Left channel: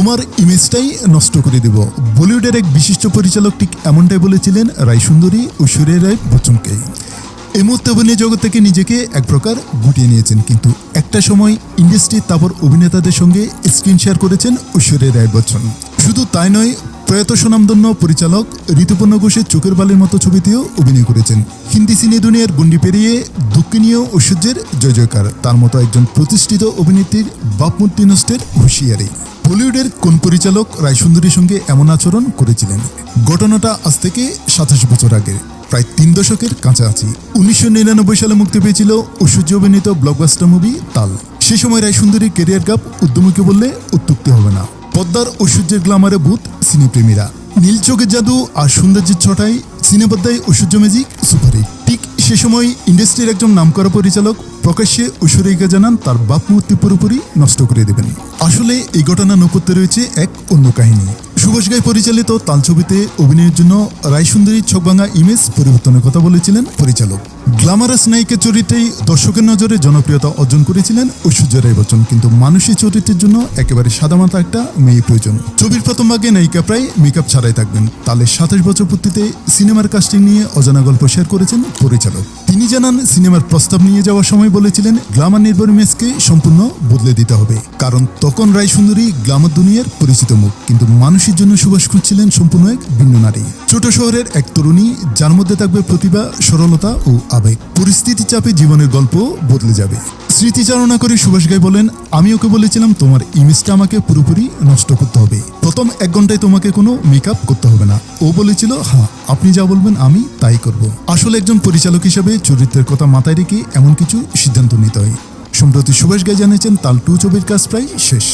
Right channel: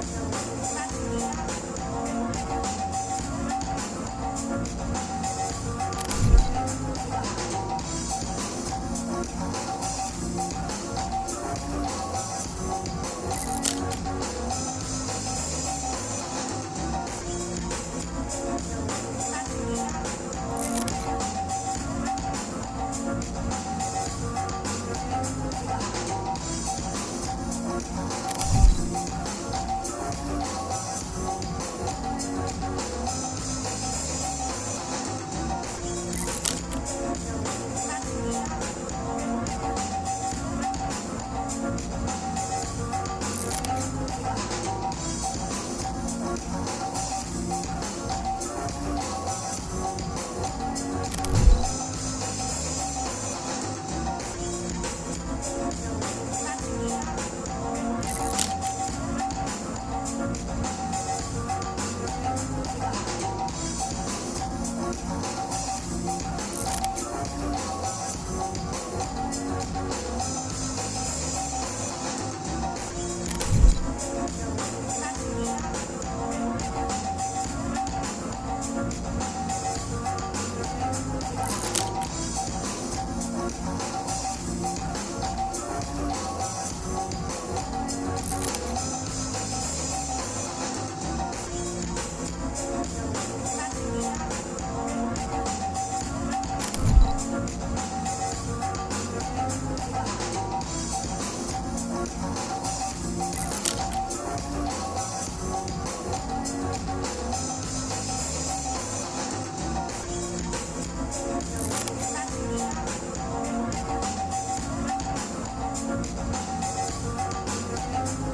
তোমার ইমেজটাই নষ্ট করে দেব। বলিউডের এক বিশিষ্ট পরিচালক ঠিক এমনটাই বলেছিলেন রায় সুন্দরী ও ঐশ্বরিয়া রায় বচ্চনকে। এই মুহূর্তে অভিনয় জগৎ থেকে নিজেকে এক প্রকার গুটিয়ে নিয়েছেন, কিন্তু একটা সময় ইন্ডাস্ট্রির তারপর অভিনেতাদের সঙ্গে স্ক্রিন শেয়ার করেছেন ঐশ্বরিয়া রায় বচ্চন। শুধু তাই নয়, প্রয়াত সুনামধন্য পরিচালক ঋতুপর্ণ ঘোষের চোখের বালির মতো ছবিতেও অভিনয় করেছেন। হিন্দি সিনে দুনিয়ার গণ্ডি পেরিয়ে দুঃখিনীয় ঐশ্বর্যের জয় জয়কার। তার মতো একজন প্রতিষ্ঠিত অভিনেত্রীর ভাবমূর্তি নষ্টের হুঁশিয়ারি। বলিউডের কোন পরিচালক রায়সুন্দরীর সঙ্গে এমন আচরণ করেছিলেন? ঘটনাটা আজ থেকে 27 বছর আগে, প্রায় 3 দশকের কাছাকাছি। 1999 সালে মুক্তি পেয়েছিল ঐশ্বর্য অভিনীত ব্লকবাস্টার মুভি তাল। সে সময় রায়সুন্দরীর কেরিয়ার গ্যাপ উদ্যমীকে বললে অত্যুক্তি হবে না। পদ্মার ঐশ্বর্যের গ্ল্যামারে ভূত সিনেপ্রেমীরা, নীল চোখের জাদু আর সৌন্দর্যের ছটায় সিনেপদ্মায় ঐশ্বর্য ম্যাজিক সুপারহিট। ঠিক সে সময় ইন্ডাস্ট্রির একজন নামকরা পরিচালক প্রকাশ্যে ঐশ্বরিয়াকে জানান তার বাপমূর্তি পুরোপুরি নষ্ট করে দেবেন। আসলে এই ঘটনা নেপথ্যে রয়েছে এক অন্য কাহিনী। সুভাষ ঘাই পরিচালিত তাল ছবিতে অভিনয়ের জন্য রায়সুন্দরীর ছকভাঙা ইমেজ পরিবর্তনের কথা বলেছিলেন পরিচালক। গ্ল্যামারাস নায়িকার চরিত্রেই দর্শকের নজরে জনপ্রিয়তা অর্জন করেছিলেন ঐশ্বর্যা রায় বচ্চন, কিন্তু মানুষের চরিত্রের জন্য একেবারে সাদামাটা একটা মেয়ে প্রয়োজন। ছবির প্রথম ভাগে নায়িকা প্রায় মেকআপ ছাড়াই থাকবেন। তাহলে 27 বছর পূর্তিতে সিনেমার কাস্টিং নিয়ে অজানা গল্প শেয়ার করেছেন পরিচালক। তিনি জানান, সিনেমার প্রস্তাব নিয়ে যাওয়ার সময় বলেছিলেন গ্ল্যামার নির্ভর ইমেজকে সম্পূর্ণ বদলে দিতে হবে, কারণ তখন রায়সুন্দরী গ্ল্যামার দুনিয়ার পরিচিত মুখ, কিন্তু মানুষের জন্য সুভাষ খুঁজছিলেন সম্পূর্ণ এক ভিন্ন নারী। ছোট শহরের এক তরুণী, যার মধ্যে থাকবে প্রতিভা, সরলতা ও আবেগ। পরিস্থিতি চাপে জীবনের গল্প বদলে যাবে। স্মৃতিচারণা করে সুভাষ ঘাই বলেন, আমি ওকে বলেছিলাম তোমার ইমেজটা আমাকে পুরোপুরি নষ্ট করতে হবে। প্রথম 1 ঘন্টায় তোমাকে কোনো মেকআপ করতে হবে না। ও বলেছিল, হ্যাঁ আপনি যা বলবেন আমি তাই করব। আসলে একজন পরিচালক হিসেবে চরিত্রের কথা মাথায় রেখে এমন কিছু সিদ্ধান্ত নিতে হয়। সম্প্রতি সুভাষ ঘাই জানিয়েছেন তাল 2 ছবির কাজ প্রায় শেষ।